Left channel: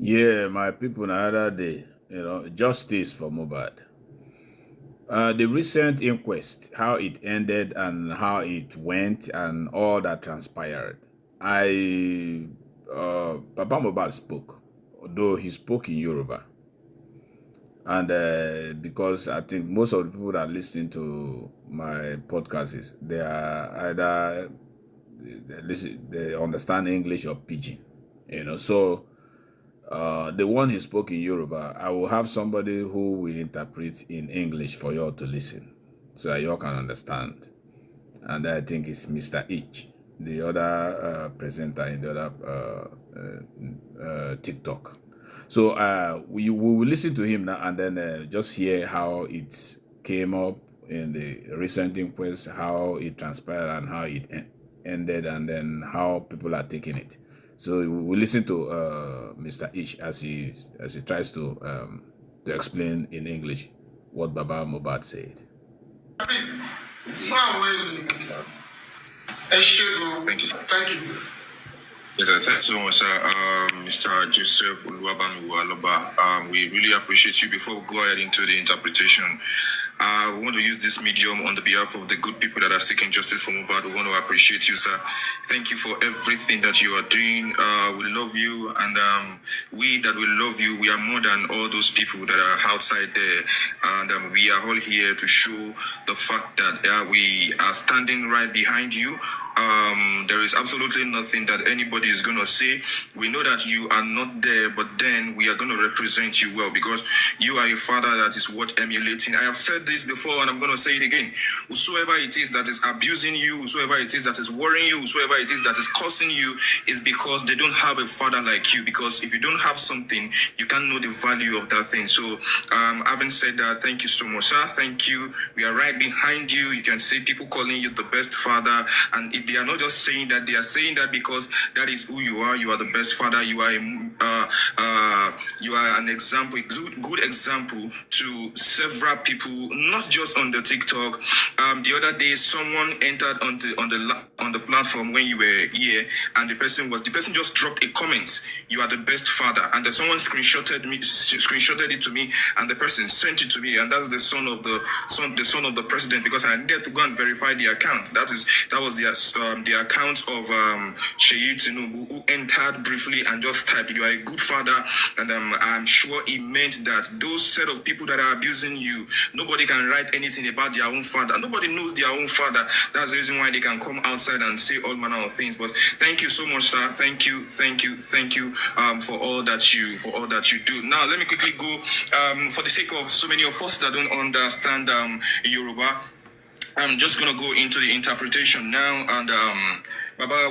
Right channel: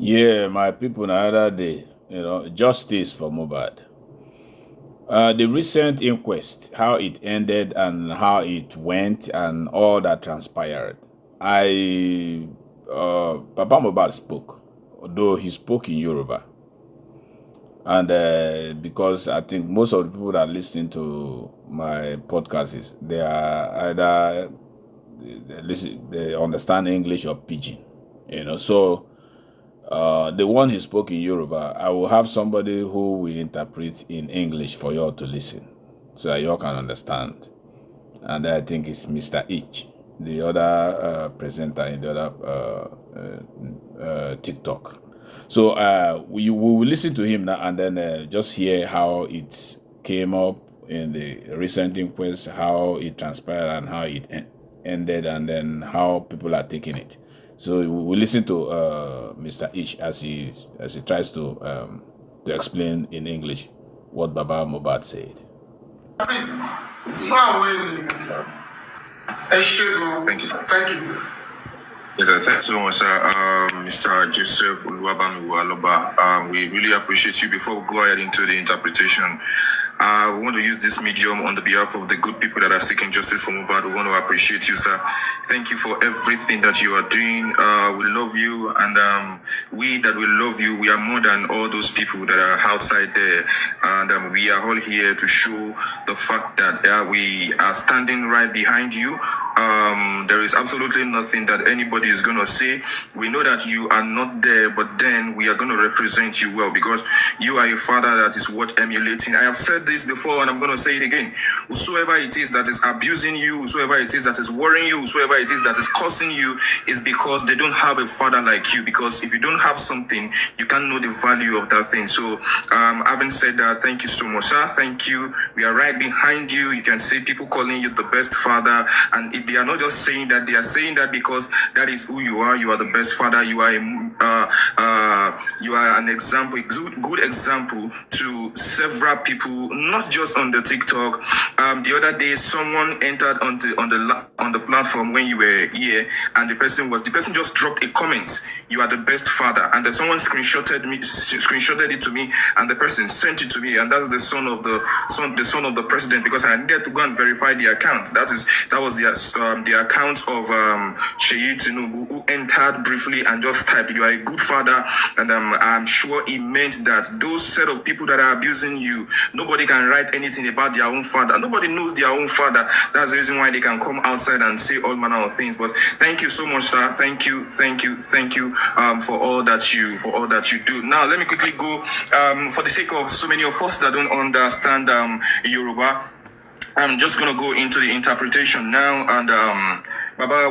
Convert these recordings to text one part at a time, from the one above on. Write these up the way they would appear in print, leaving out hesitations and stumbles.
Yeah, my people, the other day, justice for Mohbad. The recent inquest, how it ended and how it went and all that transpired. Papa Mohbad spoke, although he spoke in Yoruba. And because I think most of the people that listen to my podcasts, they are either they understand English or Pidgin, So the one he spoke in Yoruba, I will have somebody who will interpret in English for you all to listen, so that you all can understand. And I think it's Mr. Ich, the other presenter in the other TikTok. So we will listen to him now and then just hear how it came up in the recent inquest, how it transpired and how it ended, and then how people are taking it. So we listen to Mr. Ish as he tries to explain in English what Baba Mohbad said. It's far away. Thank you. Thank you. Yes, thanks so much, sir. Mr. Joseph Aloba. We really appreciate you. Before we go ahead into the interpretation, we want to use this medium on the behalf of the good people that are seeking justice for Mohbad. We want to appreciate you, sir. Thank you for everything that you are doing. We love you, and we that will love you, we are more than all those people that are outside there. And we are all here to show the fact that we are standing right behind you. There is absolutely nothing that anybody is going to say. We know that you are not there, but then we are going to represent you well because you are a father that is worth emulating. I have said this before and I'm going to say it again. Whosoever it is that is abusing you, whosoever it is that is worrying you, whosoever it is that is cursing you, is because they don't have a father like you. Because if you don't have something, you can't know the value of that thing. So having said that, thank you so much, sir. Thank you. We are right behind you. You can see people calling you the best father, and they are not just saying that, they are saying that because that is who you are. You are the best father. You are an example, good example to several people, not just on the TikTok. The other day, someone entered on the platform when you were here, and the person just dropped a comment. You are the best father, and then someone screenshotted it to me, and the person sent it to me, and that's the son of the president, because I needed to go and verify the account. That was the account of Sheyi Tinubu, who entered briefly and just typed, "You are a good father," and I'm sure he meant that those set of people that are abusing you, nobody can write anything about their own father. Nobody knows their own father. That's the reason why they can come outside and say all manner of things. But thank you so much, sir. Thank you for all that you do. Now let me quickly go for the sake of so many of us that don't understand Yoruba. I'm just going to go into the interpretation now. And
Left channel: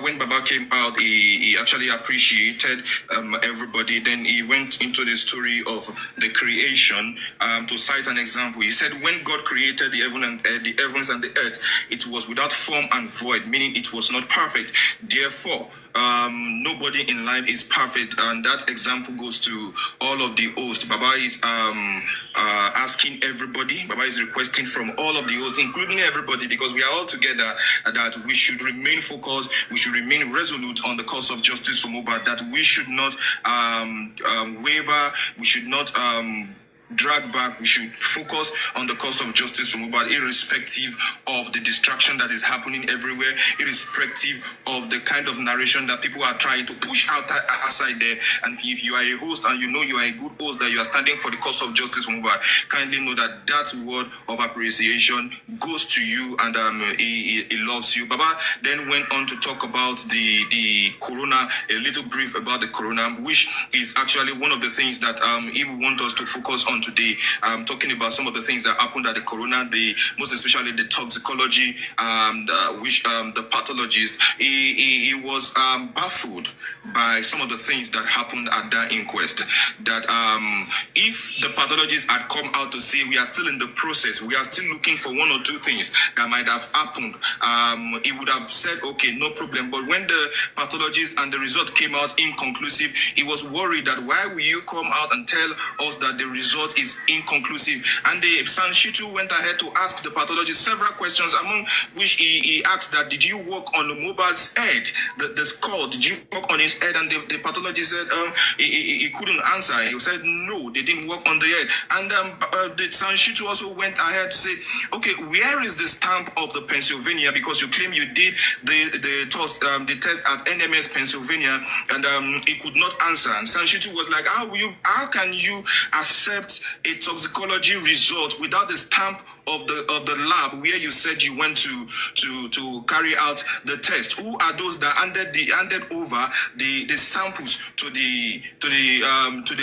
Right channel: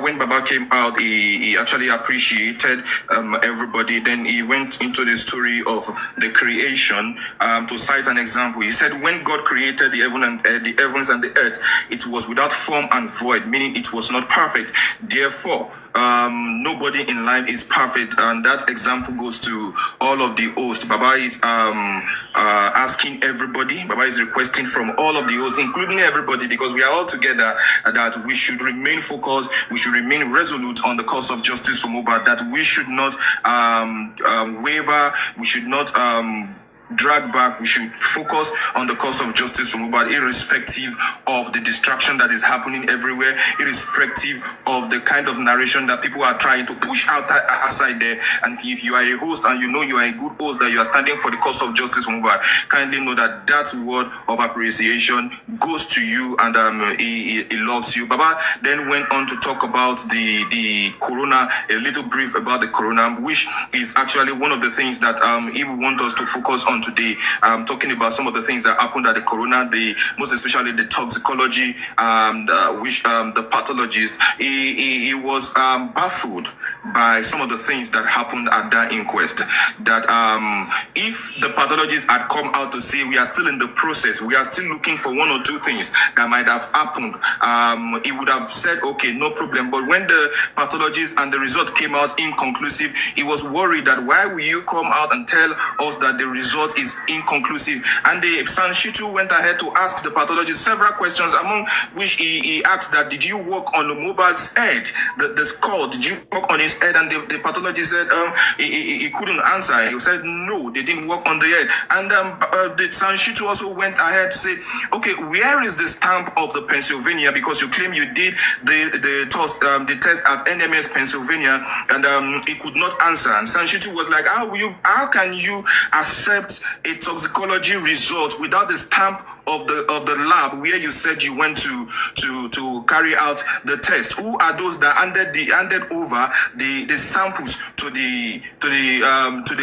when Baba came out, he actually appreciated everybody. Then he went into the story of the creation to cite an example. He said, when God created the heavens and the earth, it was without form and void, meaning it was not perfect. Therefore, nobody in life is perfect, and that example goes to all of the hosts. Baba is asking everybody, Baba is requesting from all of the hosts, including everybody, because we are all together, that we should remain focused, we should remain resolute on the cause of justice for Mohbad, that we should not waver, we should not drag back. We should focus on the cause of justice for Mohbad, irrespective of the distraction that is happening everywhere, irrespective of the kind of narration that people are trying to push outside there. And if you are a host and you know you are a good host, that you are standing for the cause of justice for Mohbad, kindly know that that word of appreciation goes to you, and he loves you. Baba then went on to talk about the corona, a little brief about the corona, which is actually one of the things that he will want us to focus on today. Talking about some of the things that happened at the corona, most especially the toxicology, which the pathologist, he was baffled by some of the things that happened at that inquest. That if the pathologist had come out to say we are still in the process, we are still looking for one or two things that might have happened, he would have said, okay, no problem. But when the pathologist and the result came out inconclusive, he was worried that why will you come out and tell us that the result result is inconclusive. And the Sanshitu went ahead to ask the pathologist several questions, among which he asked that, did you work on the Mohbad's head, the skull, did you work on his head? And the pathologist said he couldn't answer. He said, no, they didn't work on the head. And the Sanshitu also went ahead to say, okay, where is the stamp of the Pennsylvania? Because you claim you did the test at NMS Pennsylvania, and he could not answer. And Sanshitu was like, how can you accept a toxicology result without the stamp of the lab where you said you went to carry out the test? Who are those that handed over the samples to the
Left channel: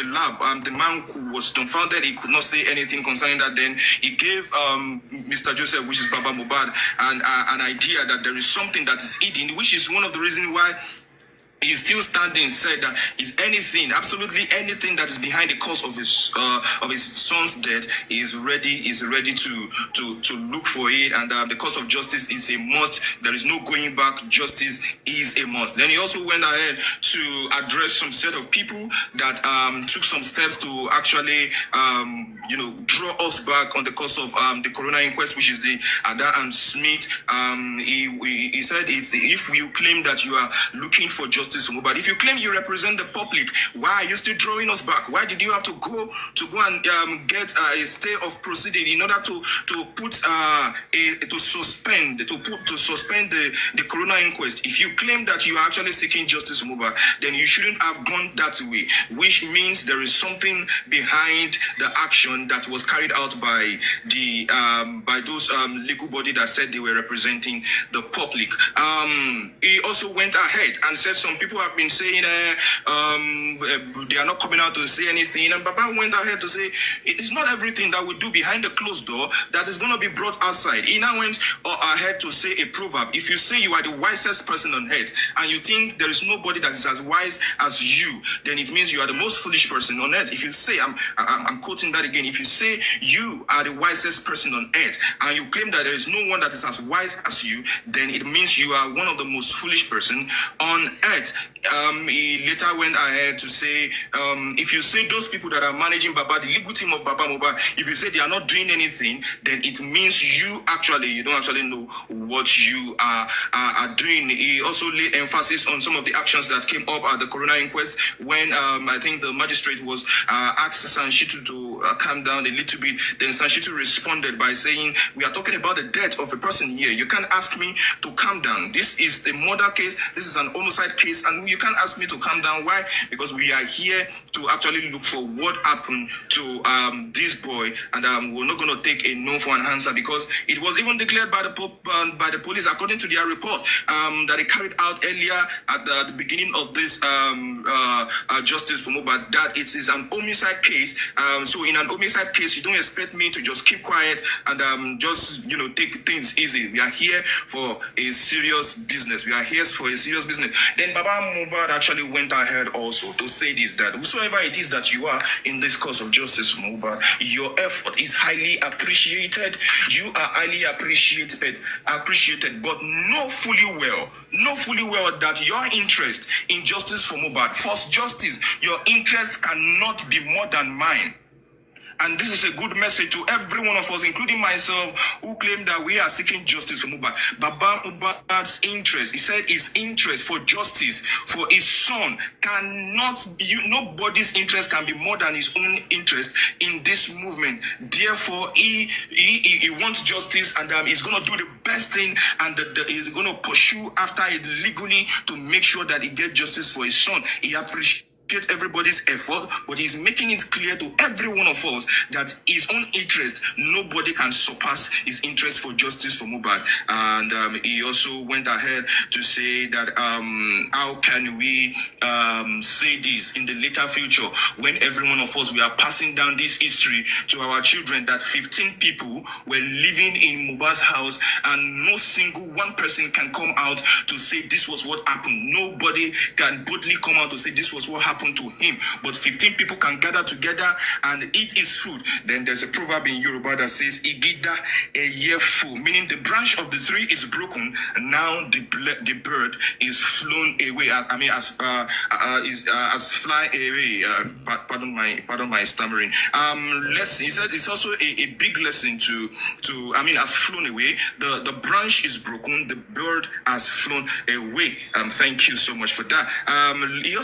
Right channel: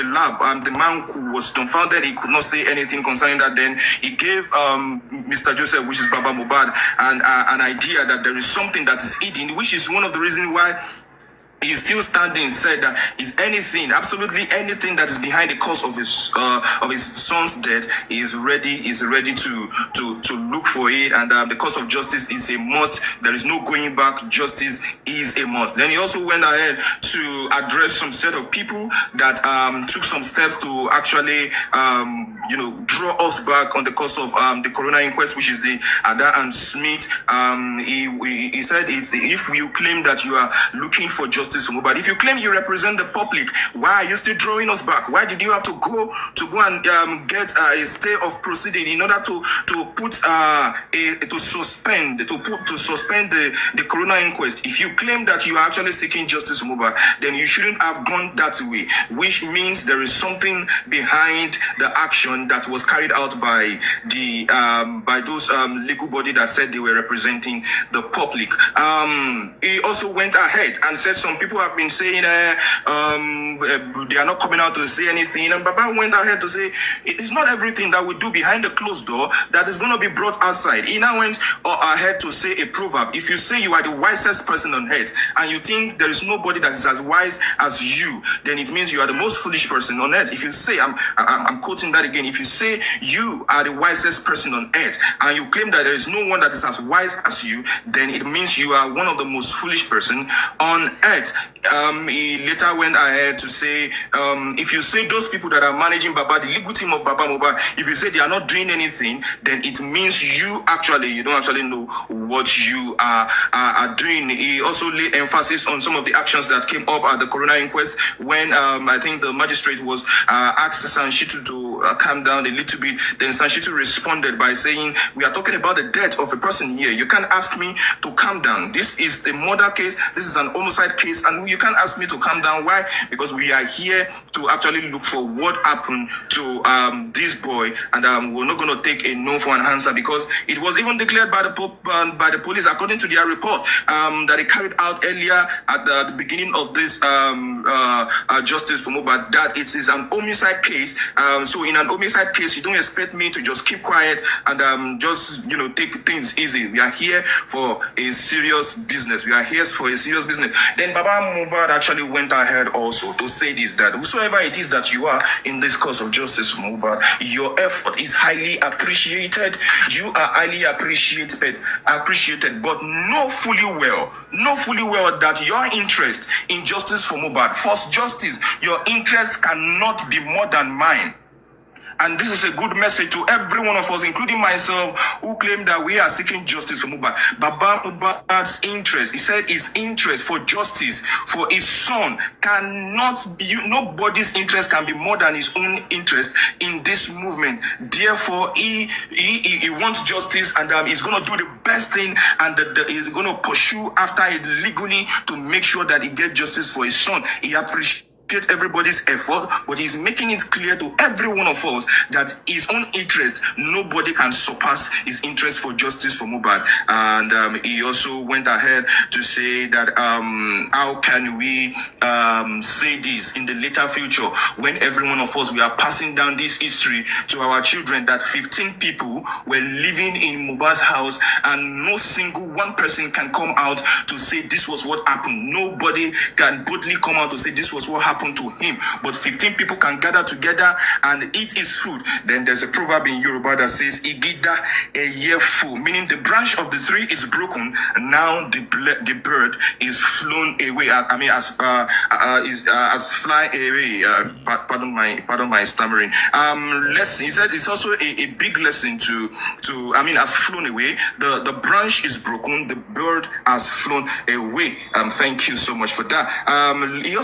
lab? The man who was dumbfounded, he could not say anything concerning that. Then he gave Mr. Joseph, which is Baba Mohbad, an idea that there is something that is hidden, which is one of the reasons why he's still standing. Said that is anything, absolutely anything that is behind the cause of his son's death, is ready to look for it, and the cause of justice is a must. There is no going back. Justice is a must. Then he also went ahead to address some set of people that took some steps to actually draw us back on the cause of the coroner inquest, which is the Ada and Smith. He said, if you claim that you are looking for justice for Mohbad, if you claim you represent the public, why are you still drawing us back? Why did you have to go and get a stay of proceeding in order to suspend the coroner inquest? If you claim that you are actually seeking justice for Mohbad, then you shouldn't have gone that way, which means there is something behind the action that was carried out by those legal body that said they were representing the public. He also went ahead and said some people have been saying they are not coming out to say anything, and Baba went ahead to say it is not everything that we do behind the closed door that is going to be brought outside. He now went ahead to say a proverb: if you say you are the wisest person on earth and you think there is nobody that is as wise as you, then it means you are the most foolish person on earth. If you say, I'm quoting that again, if you say you are the wisest person on earth and you claim that there is no one that is as wise as you, then it means you are one of the most foolish person on earth. He later went ahead to say, if you say those people that are managing Baba, the legal team of Baba Mohbad, if you say they are not doing anything, then it means you don't actually know what you are doing. He also laid emphasis on some of the actions that came up at the coroner inquest when I think the magistrate was asked Sanshitu to calm down a little bit. Then Sanshitu responded by saying, we are talking about the death of a person here. You can't ask me to calm down. This is a murder case. This is an homicide case, and you can't ask me to calm down. Why? Because we are here to actually look for what happened to this boy, and we're not going to take a no for an answer, because it was even declared by the police, according to their report that they carried out earlier at the beginning of this justice for Mohbad, that it is an homicide case. So in an homicide case, you don't expect me to just keep quiet and just take things easy. We are here for a serious business. Then Baba Mohbad actually went ahead also to say this, that whosoever it is that you are in this cause of justice for Mohbad, your effort is highly appreciated. You are highly appreciated, but know fully well that your interest in justice for Mohbad, first justice, your interest cannot be more than mine. And this is a good message to every one of us, including myself, who claim that we are seeking justice for Mohbad. Baba Mohbad's interest, he said his interest for justice for his son cannot be, nobody's interest can be more than his own interest in this movement. Therefore, he wants justice, and he's going to do the best thing, and he's going to pursue after it legally to make sure that he gets justice for his son. He appreciates everybody's effort, but he's making it clear to every one of us that his own interest, nobody can surpass his interest for justice for Mohbad. And he also went ahead to say that how can we say this in the later future when every one of us, we are passing down this history to our children, that 15 people were living in Mohbad's house and no single one person can come out to say this was what happened. Nobody can boldly come out to say this was what happened happen to him, but 15 people can gather together and eat his food. Then there's a proverb in Yoruba that says, Igida a year full, meaning the branch of the tree is broken. Now the bird is flown away. As fly away. Pardon my stammering. Lesson. He said it's also a big lesson to has flown away. The branch is broken. The bird has flown away. Thank you so much for that. He also